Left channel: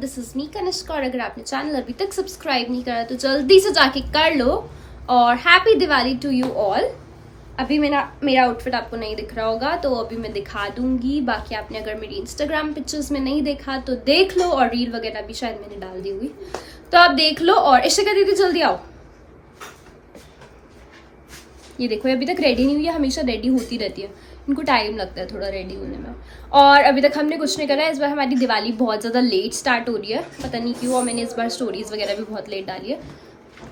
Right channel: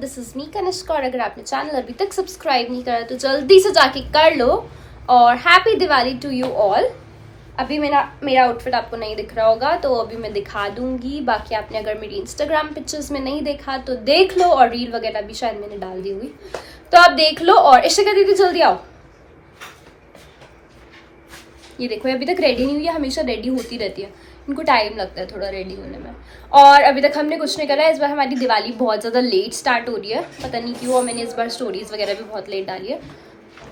This is me Kanishka और अगर आपने चैनल अभी तक सब्सक्राइब नहीं करा तो जल्दी से जाके कर लो। और happy Diwali to you all. अभी मेरा आउटफिट आपको नहीं दिख रहा होगा तो अभी मैं दिखा दूंगी। बाकी आपने अगर मेरी इंस्टाग्राम पिक्चर्स में नहीं देखा तो देख लो, और रील वगैरह भी शायद मैंने डाल दी हुई, तो आप देख लो। और इशिका दीदी जल्दी आओ। ये देखो अभी तक रेडी नहीं हुई है, हमेशा रेडी होती रहती है, इनको टाइम लगता है थोड़ा रेडी होने में। और अभी तक हमने कुछ नहीं करा है। इस बार हमारी दिवाली बहुत ज़्यादा लेट स्टार्ट हो रही है, पता नहीं क्यों। और मैंने इस बार स्टोरीज वगैरह भी बहुत लेट डाली है,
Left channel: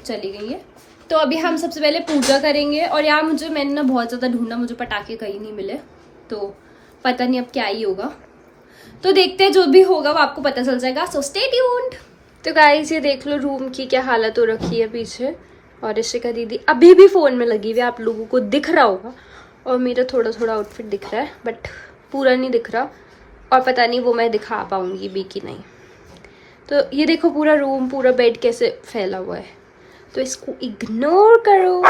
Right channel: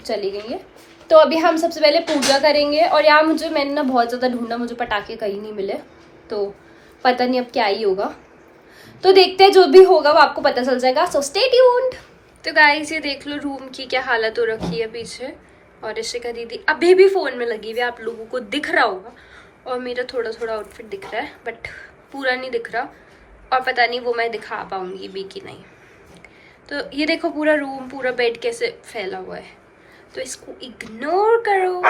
चली गई है। तो अभी हम सबसे पहले पूजा करेंगे। और यार मैंने ना बहुत ज़्यादा ढूंढा, मुझे पटाखे कहीं नहीं मिले, तो पता नहीं अब क्या ही होगा। तो देखते हैं, जो भी होगा वो आपको पता चल जाएगा। So stay tuned. तो गाइस ये देख लो रूम की क्या हालत हो रखी है पीछे। और इशिका दीदी अभी भी फ़ोन में लगी हुई है, आप लोगों को दिख रहा होगा। और मेरा थोड़ा थोड़ा आउटफिट दिख रहा है बट पूरा नहीं दिख रहा, और पता नहीं वो मैं दिखा पाऊंगी भी कि नहीं। तो ये देखो पूरा रूम, पूरा बेड कैसे फैला हुआ है, तो इसको इग्नोर करो।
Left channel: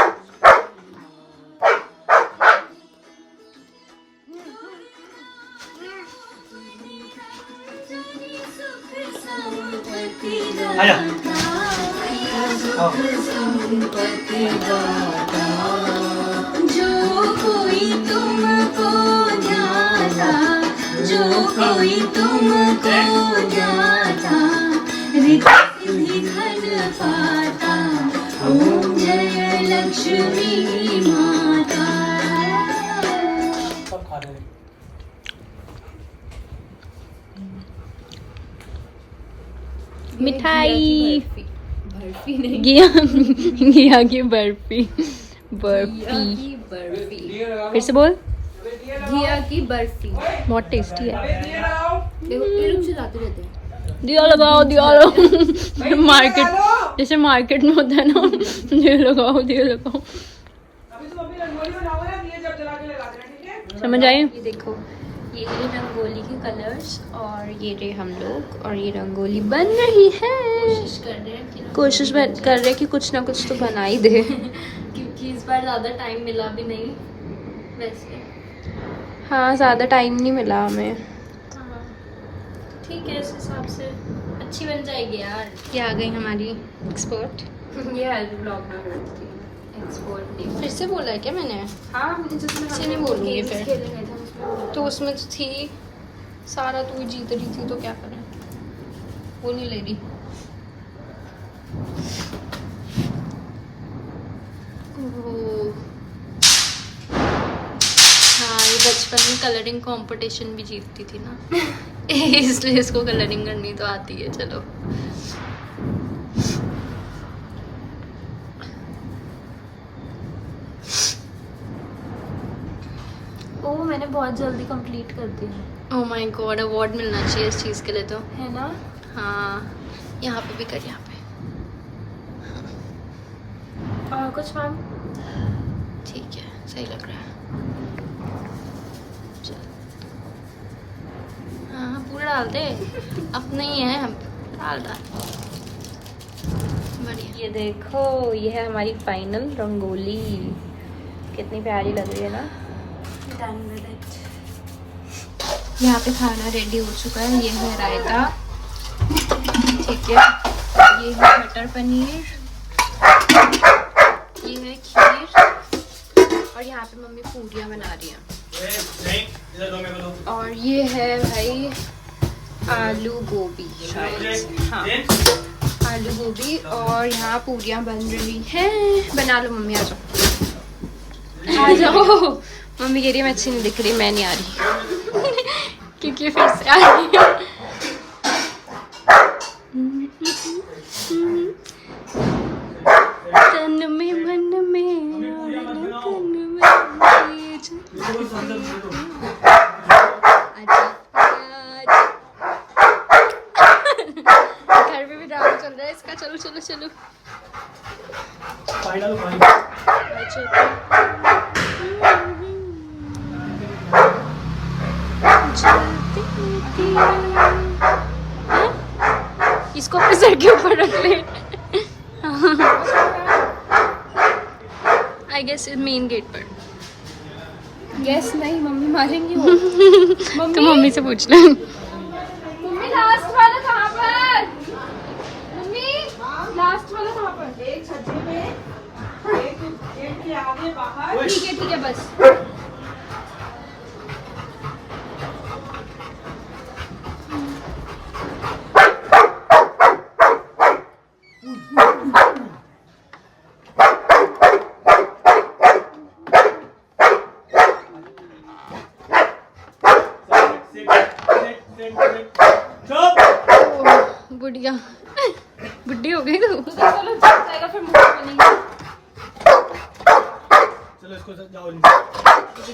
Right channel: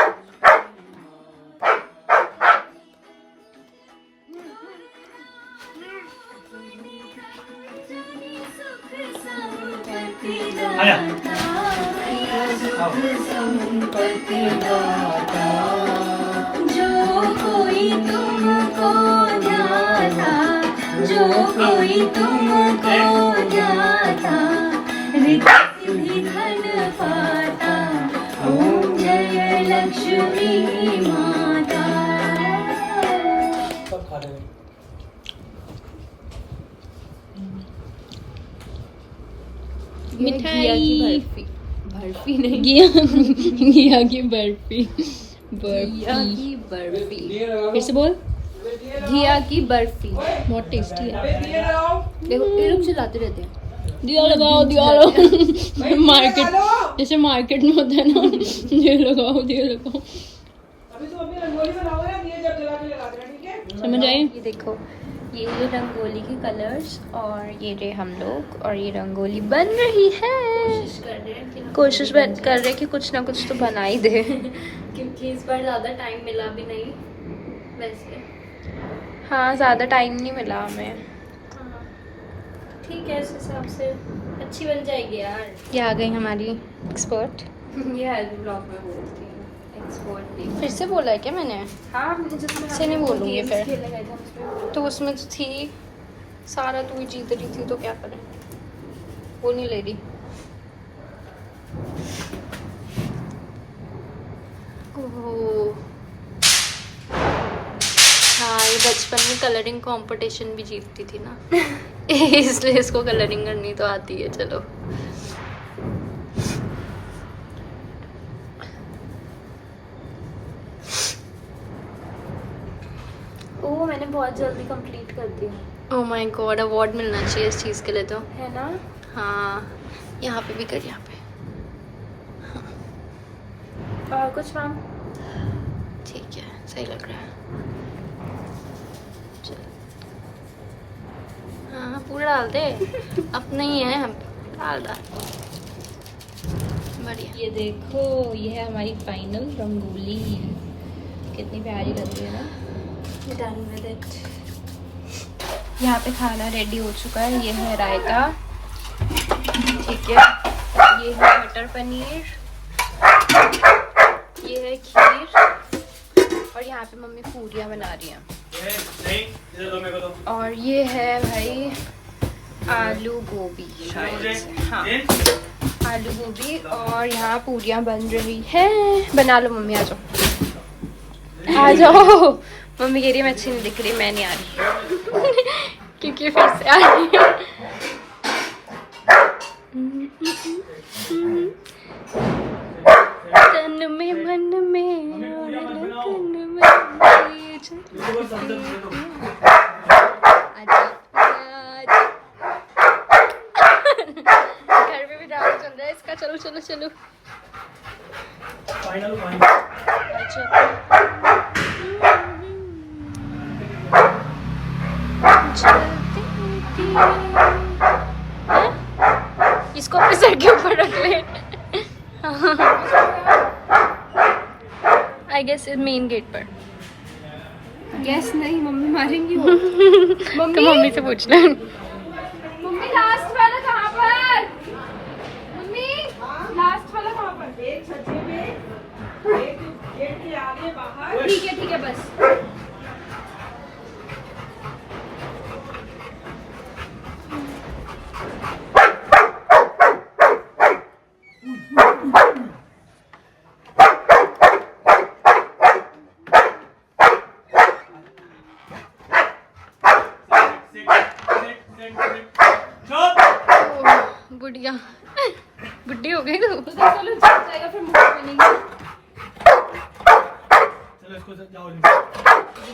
जो कोई तुमको ध्याता रिद्धि धन पाता, ओम जय लक्ष्मी माता। मिठाई बर्फी नहीं, घिया की बर्फी। फिर से बोल। घिया की बर्फी बहुत टेस्टी है। देखो ये लोग चिल्लाते रहते हैं। दिया लगाओ मार्केट जैसे मार्केट में होता है ना, दिया लगाओ। समझ आई? ये देखो ये रंगोली के कलर्स, और ये रहे हम लोग, और ये रंगोली बन रही है। कोशिश कर रहे कि कुछ ना कुछ तो बना ही दे क्योंकि इस बार ज़्यादा टाइम मिला भी नहीं वैसे। हाँ ज़्यादा टाइम नहीं मिला हमें। हाँ ठीक है, इस हिसाब से अच्छी बन जाएगी यार। ये आ गई हमारी एक्सपर्ट। ये हेल्थ ब्लॉग में बोलती है एक्सपर्ट। फिर से बोला है क्या मैंने? हाँ से नहीं बोलूँगी फिर। खेले गए थे उसमें। तो उसमें तो थी सारा, तू ही जीत रही थी तो क्या करें, वो नहीं ले रही। ओह हाँ, ये बचपन में कलरिंग कंपटीशन भी जीतती थी ना इसलिए इसको कलरिंग करनी तो आती है। चलो ओह मैंने बहुत जल्दी कंप्लीट कर दी। ओह माय गॉड, अवार्ड मिलना चाहिए इस चीज़ के लिए तो। है ना? हाँ यहाँ पे भी कर, यहाँ पे। और कुछ मैम? ठीक है, सही लग रहा है। हाँ पूरा डाल दे, अपना ही है, डाल। बढ़िया। ये देखो ये है हमारी फाइनल रंगोली, कितनी प्यारी लग रही है ना। Done with it. यहाँ पे खाना रेडी हो चुका है। ये है रायता, ठीक है, ये है मटर पनीर, ये है खीर, और यहाँ पे मम्मी पूरियाँ बना रही हैं। और ये है भाई आलू गोभी, शायद हाँ आलू गोभी, और यहाँ पूरियाँ बन रही हैं। बना लो मम्मी, आ जाओ आ जाओ। मम्मी कह रही है मैं अच्छी नहीं दिख रही, मैं नहीं आ रही क्योंकि फिर से आ रही हूँ। तन में मन में और लगन में घर में भी ड्रामा चल रहा है इसका। चलो चलो चलो इसको अपने सर के ऊपर रख दे। आई गेस मेन गेट पर। यस नहीं, मम्मी मारेंगी वो। तो मम्मी से पूछ ले। मम्मी लास्ट वाला कहाँ पर? ठीक है बस। बुढ़िया बुढ़ी हो गई तो चलो जाएगा फिर मुंह बनेगी।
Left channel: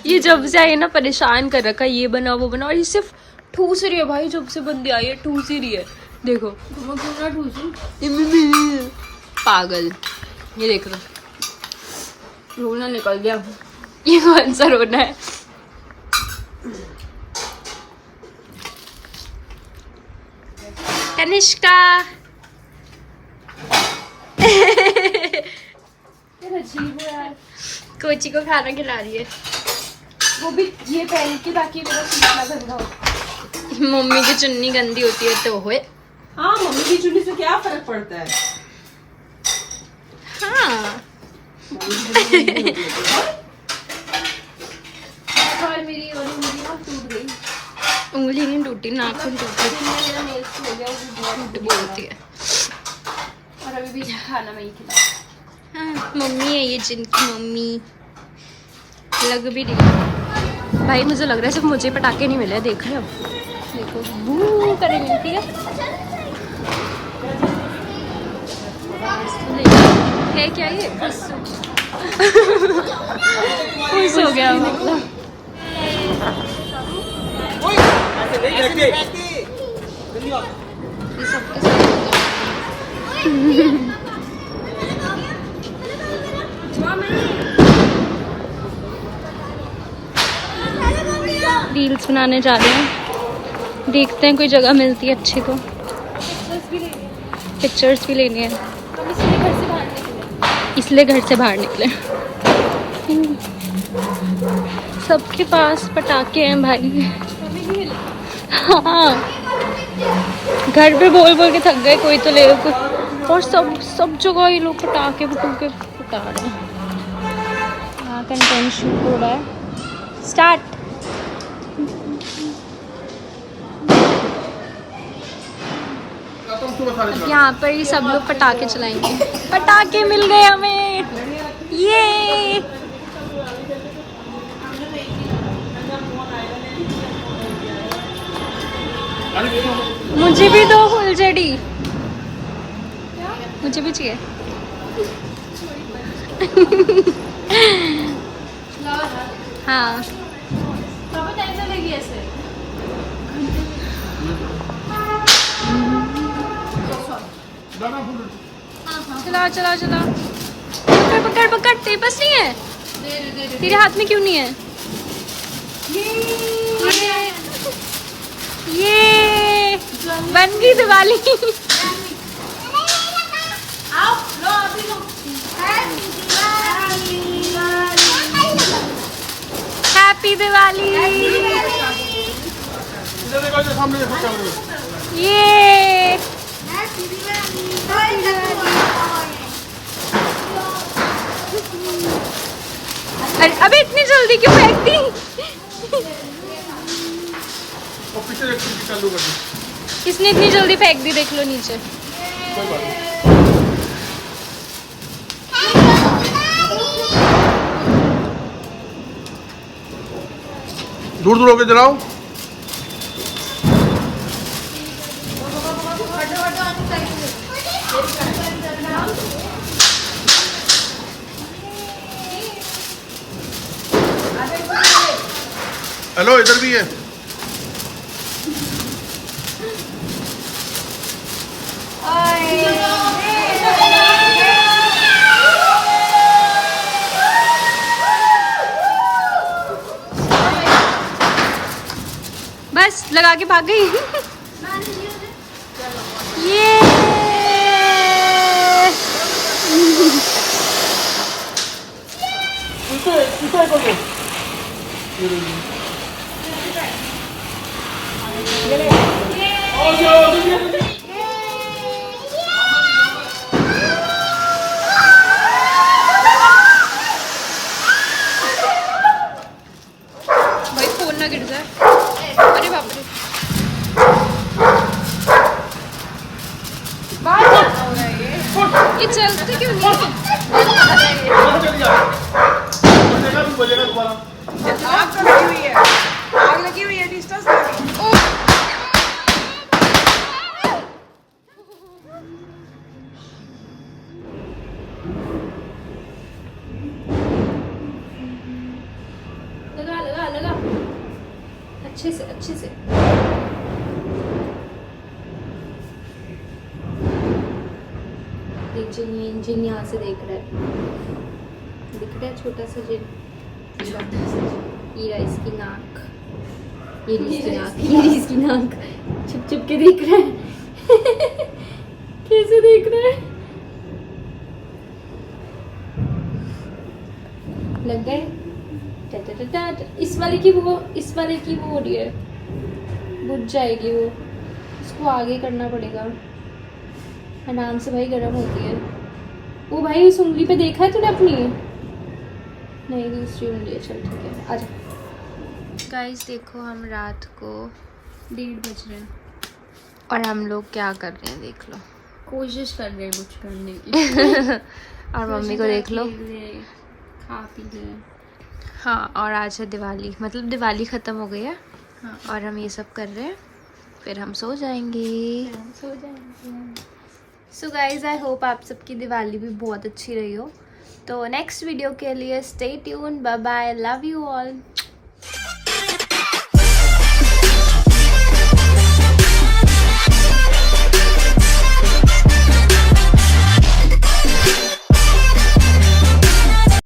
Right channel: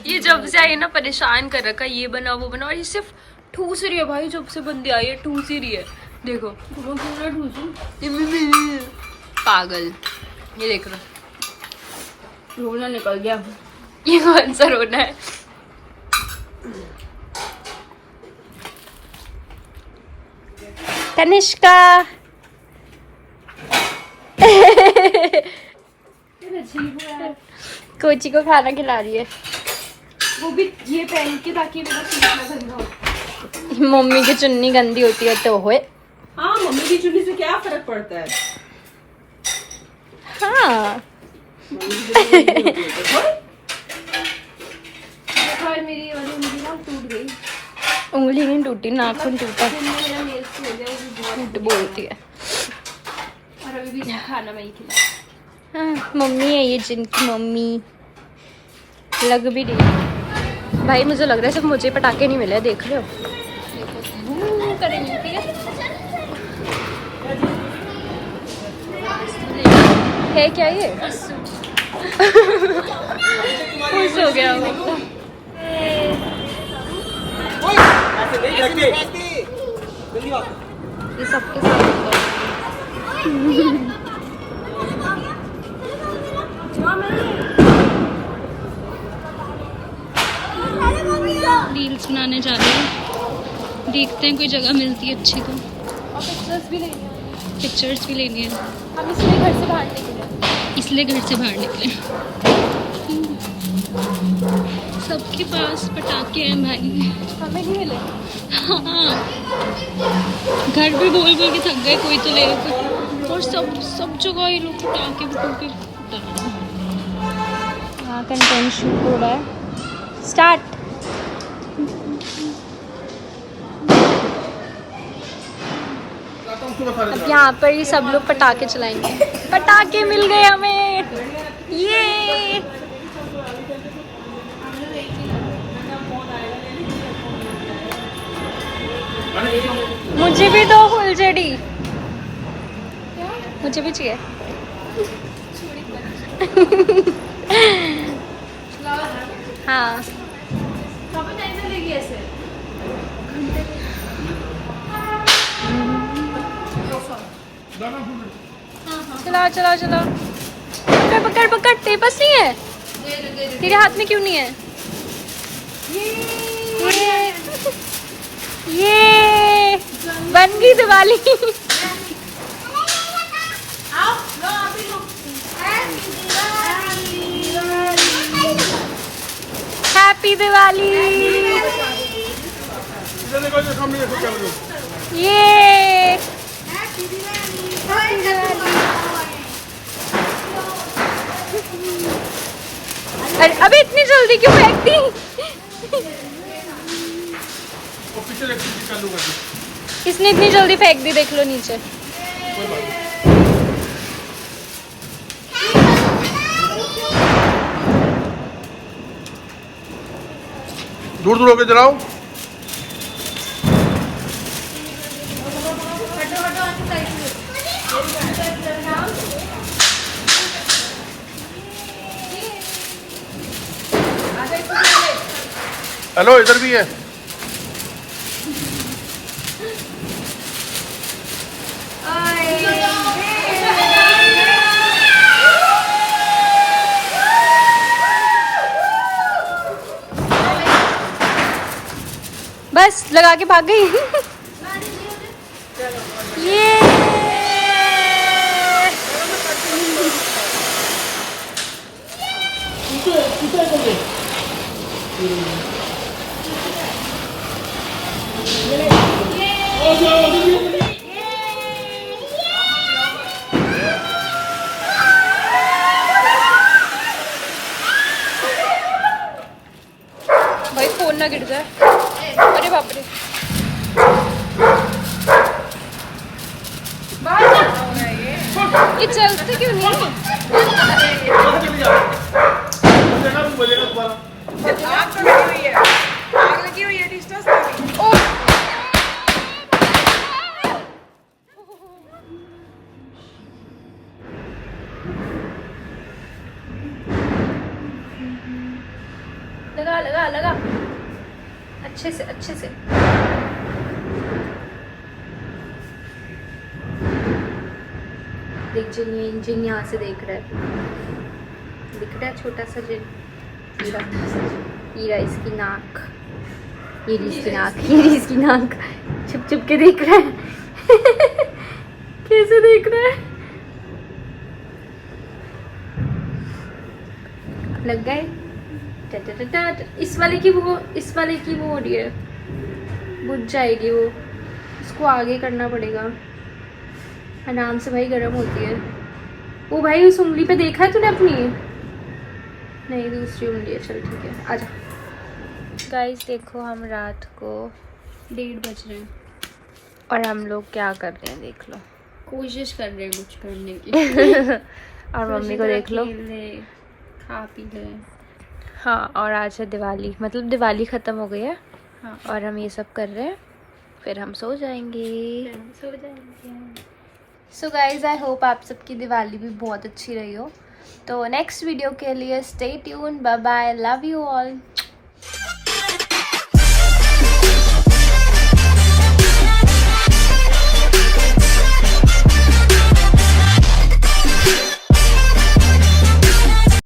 ये जब से आई ना परेशान कर रखा, ये बना वो बना, और ये सिर्फ ठूस रही है भाई। जब से बंदी आई है ठूस ही रही है। देखो तुम क्यों ना ठूसूं? पागल, ये देख रहा, रोना निकल गया। ये कौन सा रोना है? तनिष्का अजीब है यार। कोची को खाना खिला रही है, वो भी ये पहन के ताकि मेरा सूट ना गंदा हो। मम्मी की चुन्नी गंदी होती है तो होए। हाँ, मम्मी की चुन्नी से क्या फर्क पड़ता है? हाँ और मेरी वाली उंगली ना टूट गई। उंगली नहीं टूटी, नाखून टूटा। दिन में मेरा नेल्स हो गया, वो भी बहुत झूठ बोलती है। और अभी भी खाना मैं ही खिला। हाँ, मम्मी है ये, जिनकी मम्मी लग भी रही है। भाई मुझे लग रहा है सिर्फ मुझे पटाखे नहीं मिले, देख रहे हो? करे मिलती है क्या ये? खुश हो गया वो। ये सबके साथ होगा। रील्स बनाने जा रहे हैं, देखते हैं कोई जगह मिलती है अच्छी तो। पिक्चर्स भी लेनी है, हम इसलिए घर से बाहर निकले। इसलिए घर से बाहर निकले। सबके पास पटाखे हैं भाई। हमें नहीं मिले। हाँ, घर पे बोल बोल के थक गए, कोई तो ले। और सब जगह ये लोग पटाखे फटा रहे हैं। यहाँ कंटेंट शूट हो रहा है। स्टार्ट। अब यहाँ पर ही सब लोग पटाखे चलाएंगे। पटाखे मिल गए हमें, ये मुझे भी दो फुलझड़ी, मुझे भी चाहिए। हाँ चलाओ चलाओ चलाओ। पकड़ पकड़ पकड़, तेरे पास नहीं है? तेरे हाथ में क्यों नहीं है? ये बन गई दिवाली। हैप्पी दिवाली। ये हैप्पी दिवाली। अरे अबे इतनी जल्दी क्यों फेंक दी? इसने इतनी जल्दी फेंक दी, देख लो नीचे। दूर दूर होके जलाओ। हेलो, इधर भी है। बस लगा के भाग गई। ये फोन ना गिर जाए। अरे बाप रे, ये चलते क्यों नहीं है? लगा लगा लगा, अच्छे से अच्छे से। देख जिन जिन यहाँ से देख रहा है, दिख रहा है छोटा सा जिन, छोटा सा जिन। ये रहा इसकी नाक, ये रही इसकी नाक, ये रही इसकी नाक। छुप छुप के देख रहा है कैसे देख रहा है। लग गए। इस वाले की वो हो रही है, बुझ जाएगी वो, इसको आगे करना पड़ेगा आराम से भाई, गर्म होती है वो। भाई उस उंगली पे देखा है तूने अपनी? नहीं, दूसरी उंगली है। चल ठीक है, आजा। गाइस देखो, हम रात को 1:30 बज रहे हैं और हम लोग क्या कर रहे हैं देख लो। कोशिश कर रहे हैं कुछ करने की। और मम्मी को देख लो, खा पी ले। हाँ। और आज है दिवाली, मतलब दिवाली ख़त्म हो गई है। हाँ। और हम ये सब कर रहे हैं, फिर हम सो जाएंगे। सो गाइज, आई होप आप सबकी दिवाली भी बहुत अच्छी रही हो। तो नेक्स्ट वीडियो के लिए stay tune, bye bye, love you all.